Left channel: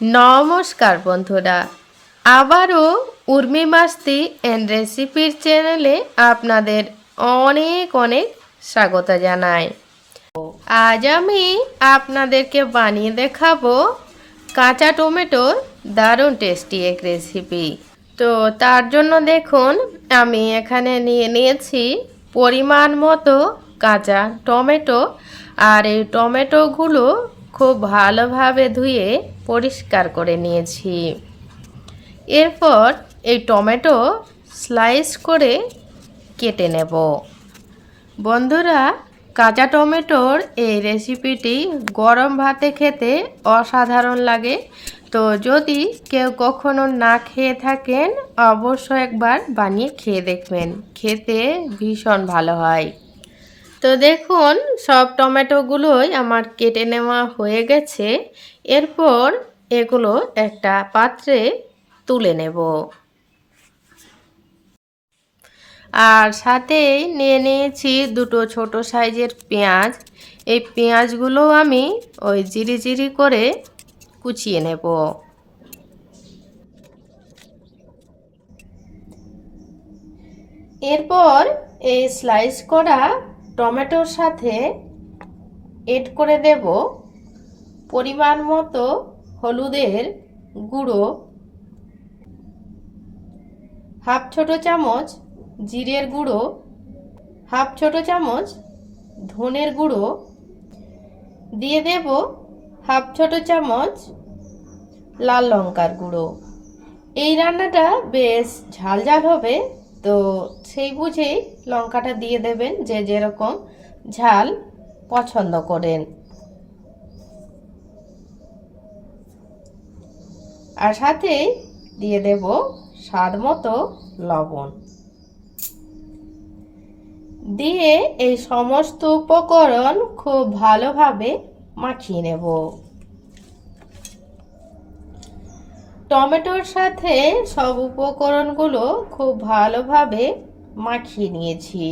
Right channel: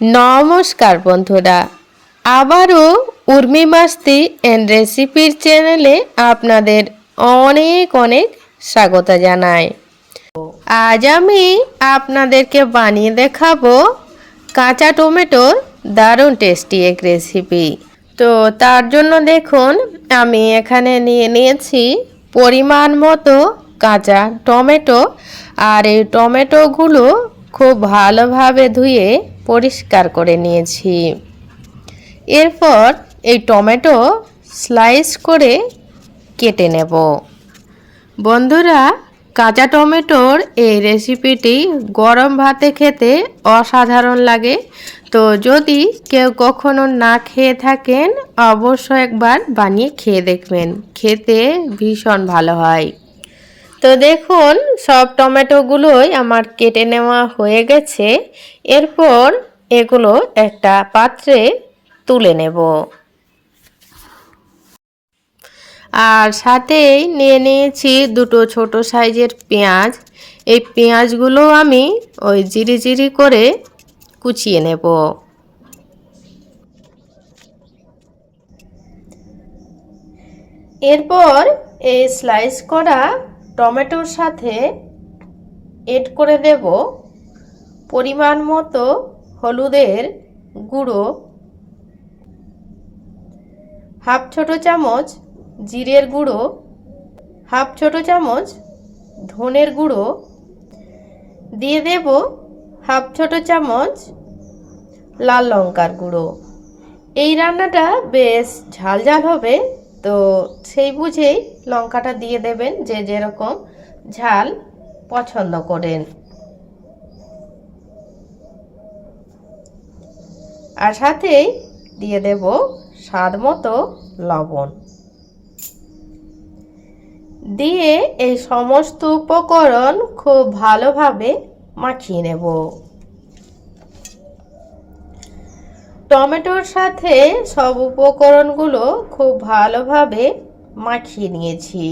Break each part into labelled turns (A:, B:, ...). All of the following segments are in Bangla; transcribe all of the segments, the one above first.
A: নমস্কার বন্ধুরা। আবারও উর্মি মাস্তি অ্যান্ড রেসিপির চ্যানেলে আপনাদের অনেক অনেক স্বাগত জানাই। আজ আমি আপনাদেরকে বানিয়ে দেখাবো কাঁচা টমেটোর দারুণ টেস্টি এক রেসিপি। তো তার জন্য দেখুন, আমি এখানে নিয়ে নিয়েছি পরিমাণ মতো কাঁচা টমেটো। আর এই টমেটোগুলো খুব ভালোভাবে ধুয়ে পরিষ্কার করে নিয়েছি। এরপর এই টমেটো স্লাইস করে কেটে নেব। বন্ধুরা, কাঁচা টমেটোর এই রেসিপিটি গরম ভাতে খেতে অসাধারণ লাগে। তো যদি কেউ কখনো না খেয়ে থাকেন, অবশ্যই একবার বানিয়ে খেয়ে দেখবেন। খেতে ভীষণ ভালো হয়। তো দেখুন, সব টমেটোগুলোই আমার কেটে নেওয়া হয়ে গেছে। এরপর এগুলো একটা পাত্রে তুলে নেব। আর সাথেই নিয়ে নিয়েছি দুটো ছোট সাইজের পেঁয়াজ। এই পেঁয়াজগুলো আমি ওই জিরি জিরি করে কুচিয়ে নেব। এরপর এই স্লাইস করা টমেটোর সাথে এড করে দেব পরিমাণ মতো হলুদের গুঁড়ো, হাফ ছোট চামচ জিরের গুঁড়ো, হাফ ছোট চামচ ধনের গুঁড়ো, দিয়ে দেব হাফ ছোট চামচ লাল লঙ্কার গুঁড়ো। এই রান্নাটা বেশ ঝাল ঝাল হবে। তো সেই বুঝেই লঙ্কাটা দিয়ে দেবেন যে যেরকম ঝাল পছন্দ করেন। আর সাথেই দিয়ে দেব স্বাদ মতো লবণ। দিয়ে এই সমস্ত উপকরণ খুব ভালোভাবে মাখিয়ে নেব। টমেটোর সাথে সব উপকরণগুলো খুব ভালোভাবে মাখিয়ে নিয়েছি।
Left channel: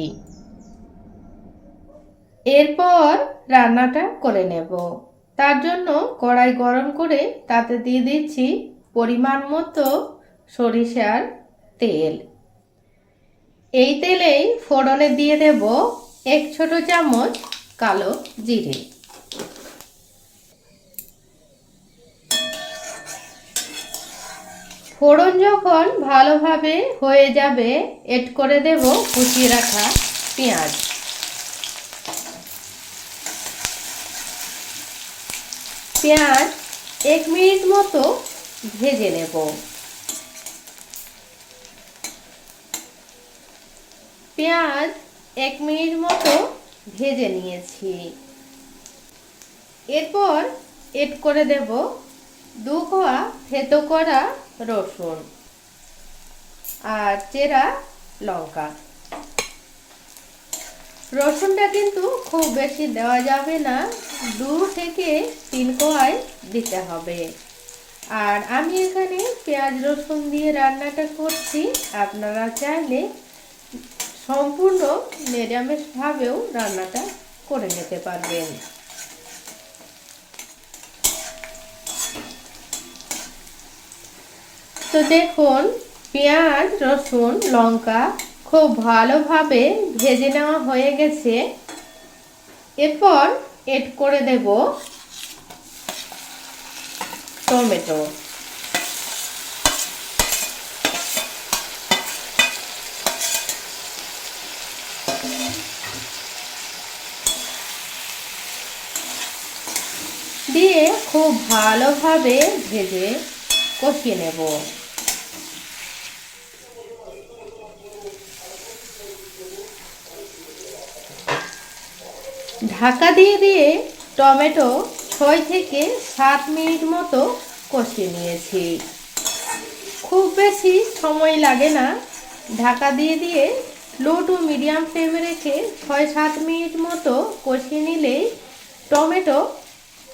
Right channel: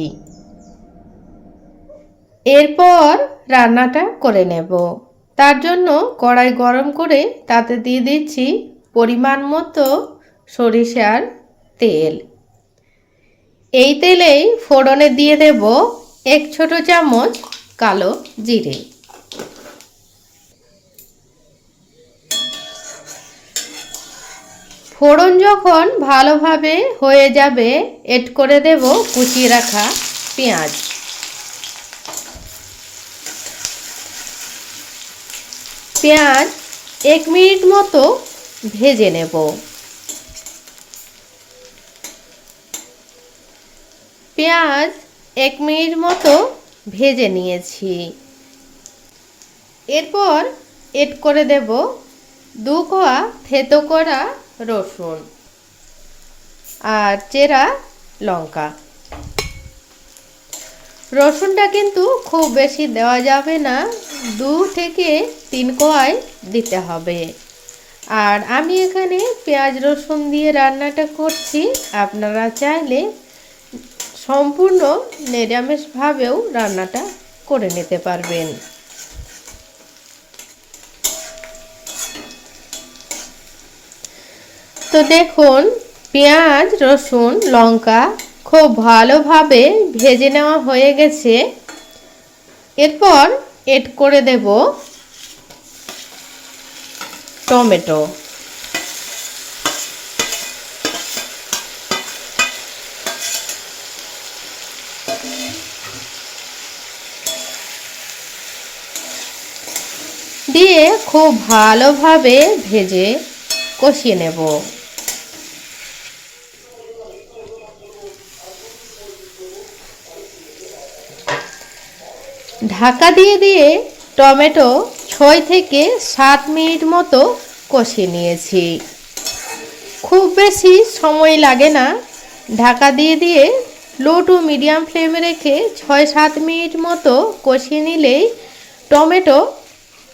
A: এরপর রান্নাটা করে নেব। তার জন্য কড়াই গরম করে তাতে দিয়ে দিচ্ছি পরিমাণ মতো সরিষার তেল। এই তেলেই ফোড়নে দিয়ে দেব এক ছোট চামচ কালো জিরে। ফোড়ন যখন ভালোভাবে হয়ে যাবে, এড করে দেব কুচিয়ে রাখা পেঁয়াজ। পেঁয়াজ এক মিনিট মতো ভেজে নেব। পেঁয়াজ এক মিনিট মতো ভেজে নিয়েছি। এরপর এড করে দেব দু কোয়া থেতো করা রসুন আর চেরা লঙ্কা। রসুনটা কিন্তু খুব বেশি দেওয়া যাবে না, দু থেকে তিন কোয়ায় দিতে হবে। আর আমি এখানে পেঁয়াজ রসুন দিয়ে রান্নাটা করছি, আপনারা চাইলে সম্পূর্ণ নিরামিষভাবেও রান্নাটা করে নিতে পারবেন। তো দেখুন, পেঁয়াজ, রসুন, লঙ্কা খুব ভালোভাবে ভেজে নেওয়া হয়ে গেছে। এরপর এড করে দেব টমেটো। দিয়ে খুব ভালোভাবে ভেজে কষিয়ে নেব। ঢাকা দিয়ে দিয়ে টমেটো ছয় থেকে সাত মিনিট মতো কষিয়ে নিয়েছি। খুব বেশি সময় লাগে না। ঢাকা দিয়ে দিয়ে লো টু মিডিয়াম ফ্লেমে রেখে ছয় সাত মিনিট মতো কষিয়ে নিলেই টমেটো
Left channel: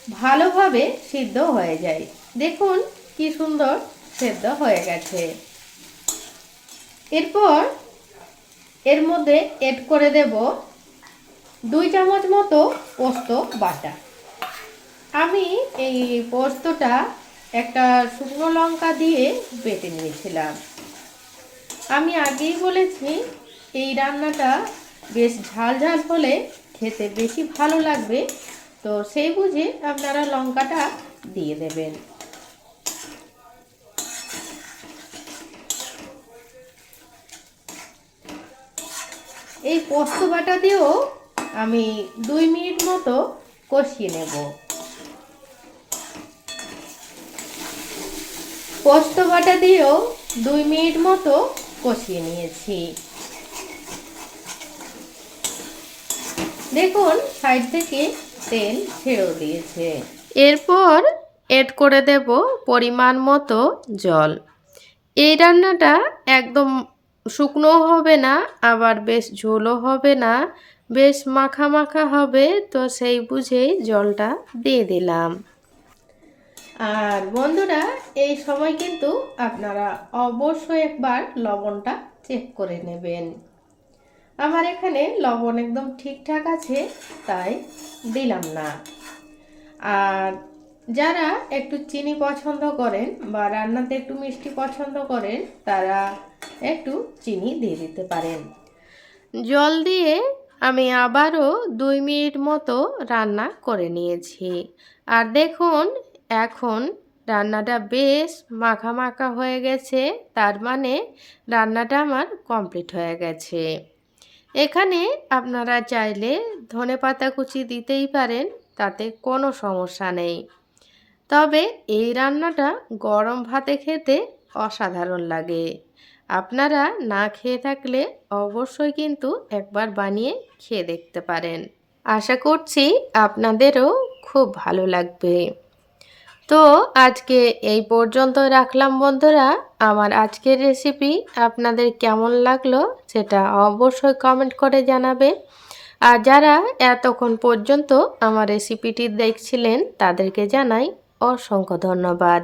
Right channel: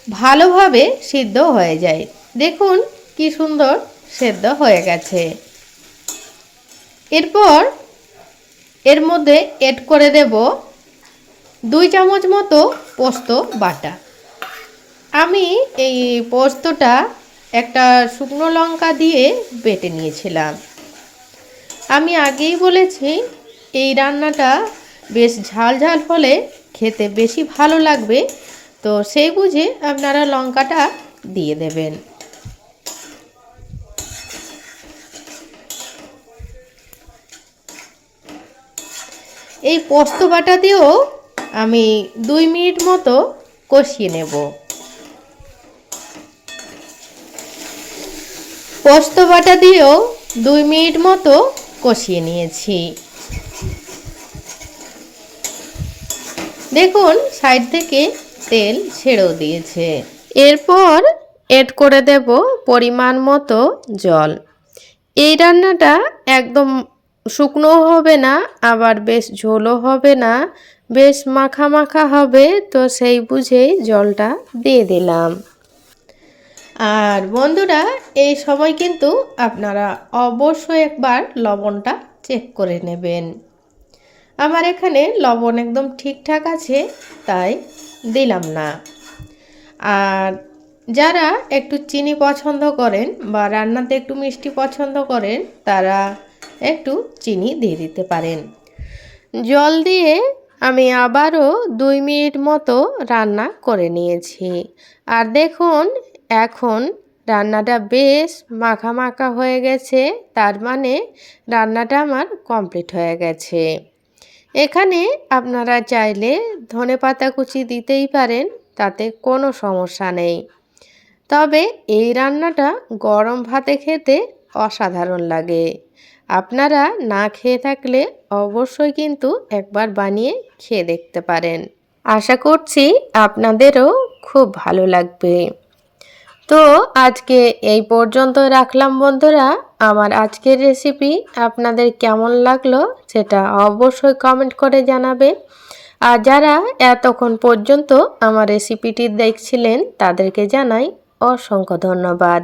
A: ভালোভাবে সিদ্ধ হয়ে যায়। দেখুন কি সুন্দর সেদ্ধ হয়ে গেছে। এরপর এর মধ্যে এড করে দেব দুই চামচ মতো পোস্ত বাটা। আমি এই পোস্তটা একটা শুকনো লঙ্কা দিয়ে বেটে নিয়েছিলাম। আমি আগেই বলেছি, এই রান্নাটা বেশ ঝাল ঝাল হলে খেতে বেশি ভালো লাগবে। তো সেই বুঝে আপনারা লঙ্কাটা দিয়ে দেবেন। এই পোস্ত বাটা দিয়েও আমি দুই মিনিট মতো কষিয়ে নেব। পোস্ত বাটা দিয়েও দুই মিনিট মতো কষিয়ে নিয়েছি। দেখুন, সাইড থেকে তেল ছেড়েও দিয়েছে। এরপর এড করে দেব পরিমাণ মতো জল। এই রান্নাটা একদম শুকনো হবে না, আবার বেশ ঝোলও হবে না। বেশ মাখা মাখা হবে, তো সেই বুঝেই জলটা দিয়ে দিলাম। আর বন্ধুরা, এই সময় কিন্তু আপনারা অবশ্যই একবার লবণটা চেক করে নেবেন। আমার এখানে লবণ একদম ঠিকঠাক আছে, তাই দিলাম না। আর যারা একটু চিনি পছন্দ করেন বা রান্নাতে একটু মিষ্টি পছন্দ করেন, তারা একটু চিনি দিয়ে দিতে পারেন। জল দিয়ে আমি আবারও দুই মিনিট মতো রান্না করে নিয়েছি। আর দেখুন, এখন রান্নাটা বেশ মাখা মাখা হয়ে গেছে, তার মানে রান্নাটা আমার কমপ্লিট হয়ে গেছে। এখানে আপনারা চাইলে ধনে পাতা কুচি দিতেই পারেন, তাতে কোনো সমস্যা নেই। তবে এই রান্নাটা গরম ভাতে খেতে অসাধারণ লাগে। আপনারা না খেয়ে থাকলে অবশ্যই কিন্তু একবার বানিয়ে খেয়ে দেখতে পারেন। আশা করছি আপনাদেরও খুব ভালো লাগবে। তো আজকে এই পর্যন্ত রাখলাম বন্ধুরা। আমার আজকের রেসিপি আপনাদের কেমন লাগল সেটা অবশ্যই কমেন্ট করে জানাবে। আর যারা এতক্ষণ পর্যন্ত আমার রেসিপিটি দেখছিলেন তাদেরকে জানাই অসংখ্য ধন্যবাদ।